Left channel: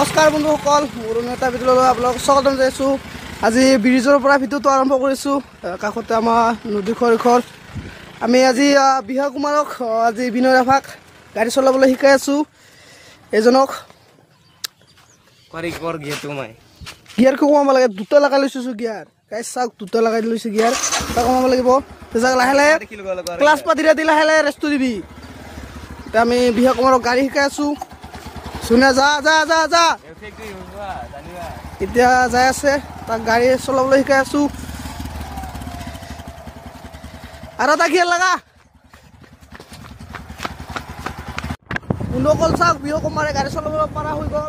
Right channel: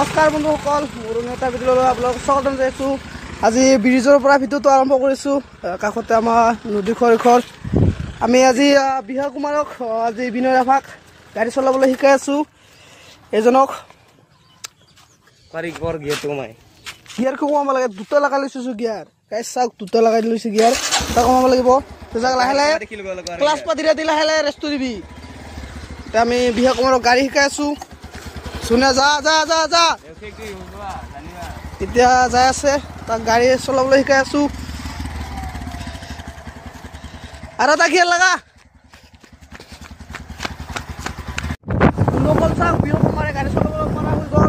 নমস্কাৰ বন্ধুসকল, মোৰ এটা ভিডিঅ'লৈ আপোনালোকক স্বাগতম জনাইছোঁ। আজি ব্ৰিজৰ পৰা ভিডিঅ'টো আৰম্ভ কৰিছোঁ। কাষতে আমাৰ নদী খৰিখৰ। আমি আজি বিহা কুমাৰক আজি বিনয় ৰাভাক গাড়ী চলাবলৈ শিকাই আছোঁ। এজনক গিয়াৰ কমাব লাগে, দুটা লগাই লৈছোঁ গিয়াৰ। গাড়ী চাওক, দুটা লগাই লৈছোঁ গিয়াৰ, দুটা কমাব লাগিব। লাহে লাহে ক্লাছ পাতি ৰাতি লাহে লাহে ৰেষ্টটো দিবি। এতিয়া আমি বিহা কুমাৰক গাড়ী শিকাই আছোঁ। শুনে যা যা যা যা এতিয়া যাই আছে, তাক গাড়ী চলাবলৈ শিকাই আছোঁ। আৰু এটা গিয়াৰ লগা বন্ধুসকল, চাওক বিহু কুমাৰে গাড়ী চলাবলৈ পৰা হৈ গ'ল।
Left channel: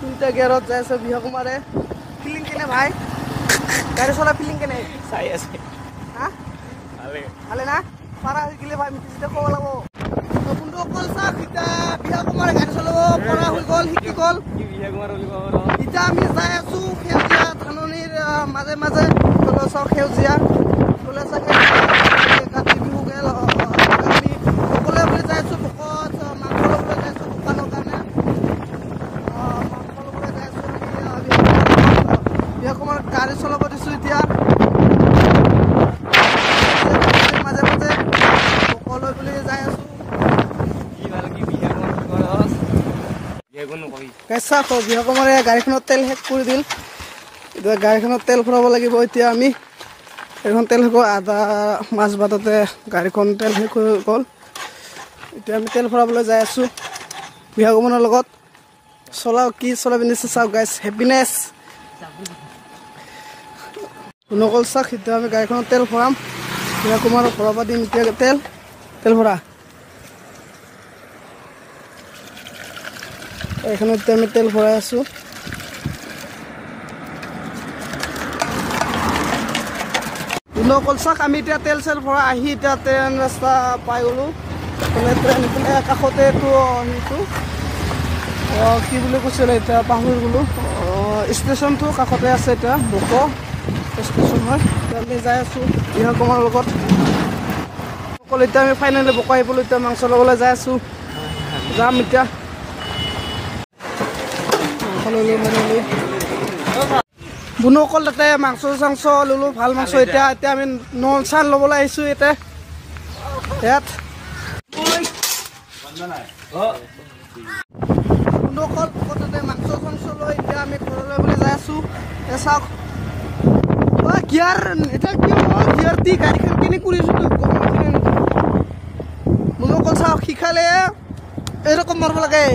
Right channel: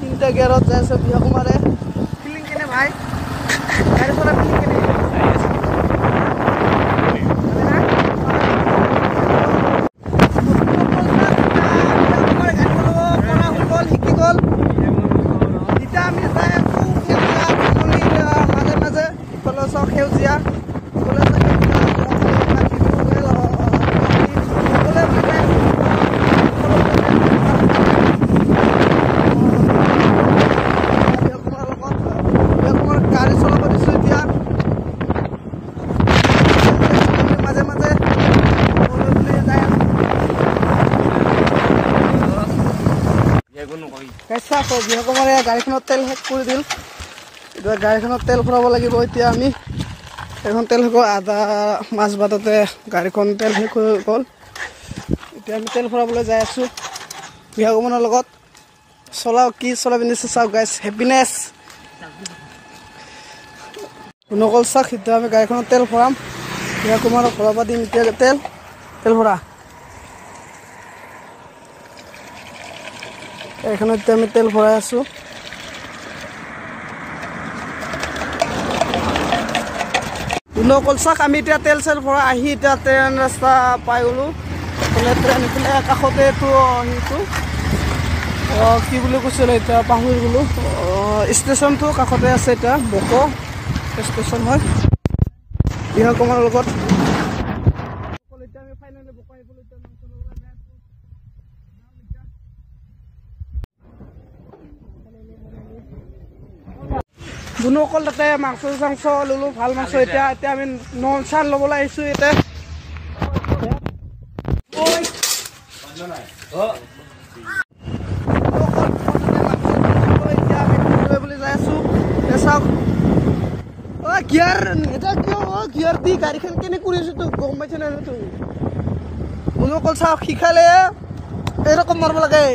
তিনিটা গিয়াৰত যাই আছে বিহু কুমাৰে। ফিলিং কেনে ভাই? গাড়ী চলা ফিলিং কেনে? ভালে না? এতিয়া আমি যাই আছোঁ সেউজীয়া ধাননিৰ মাজে মাজে। সেউজীয়া সকলোৱে চাগে গাড়ী চলাব দিছোঁ। এতিয়া মাজে মাজে সকলোৱে বুলি যাই আছোঁ। বিহু কুমাৰে গাড়ীখনত তেল শেষ কৰি দিল। এতিয়া গাড়ীখনত তেল ভৰাব লাগিব। এতিয়া আমি এইখন তেল শেষ আধা মাছ বাটতে গাড়ীখন তেল শেষ হৈ গ'ল। এতিয়া আমি তেল ভৰাবলৈ যাই আছোঁ বিহু কুমাৰৰ লগত। চলাওঁ, কি চলাই পিন্ধিছোঁ চাওক গাইছ, হেপিনেছ নকল চাওক। এতিয়া আমি গাড়ীখনত তেল ভৰাম, বিহু কুমাৰক ভৰাব দিম। এতিয়া তেল ভৰা। এইখনত এতিয়া আমি তেল ভৰাই আছোঁ। নকল চাওক, আমি এতিয়া তেল চেল ভৰাই আহি এতিয়া ট্ৰেইন ৰাস্তা পাই গ'লোঁ। এইফালে ট্ৰেইন, এইফালে কাষতে এইটো সেইটো কি বুলি কৈছিলে এতিয়া পাহৰি গ'লোঁ। ষ্টেচনটো কাষতে আছে, এতিয়া বক ষ্টেচন হয়। আমি যাই আছোঁ বিহু কুমাৰৰ লগত। অকল এতিয়া আমি ফাইনেলি বক আহিবলৈ এতিয়া মাংস ল'বলৈ যাই আছোঁ। যাম এতিয়া বুনুসকল, তাতে মাংস চাংস ল'লোঁ, ভাল মাংস। এতিয়া আমি নল চান ল'বলৈ আহিছোঁ। এতিয়া ইয়াত এতিয়া আমি ঘৰলৈ বুলি যাই আছোঁ। এতিয়া চাওক গিয়াৰ, এতিয়া কিয় গিয়াৰ দি গাড়ীখন কেনে কৰিছোঁ তোক গম পাইছে নে? বুনুসকল চাওক, শিকালে এৰকম মাৰব লাগে।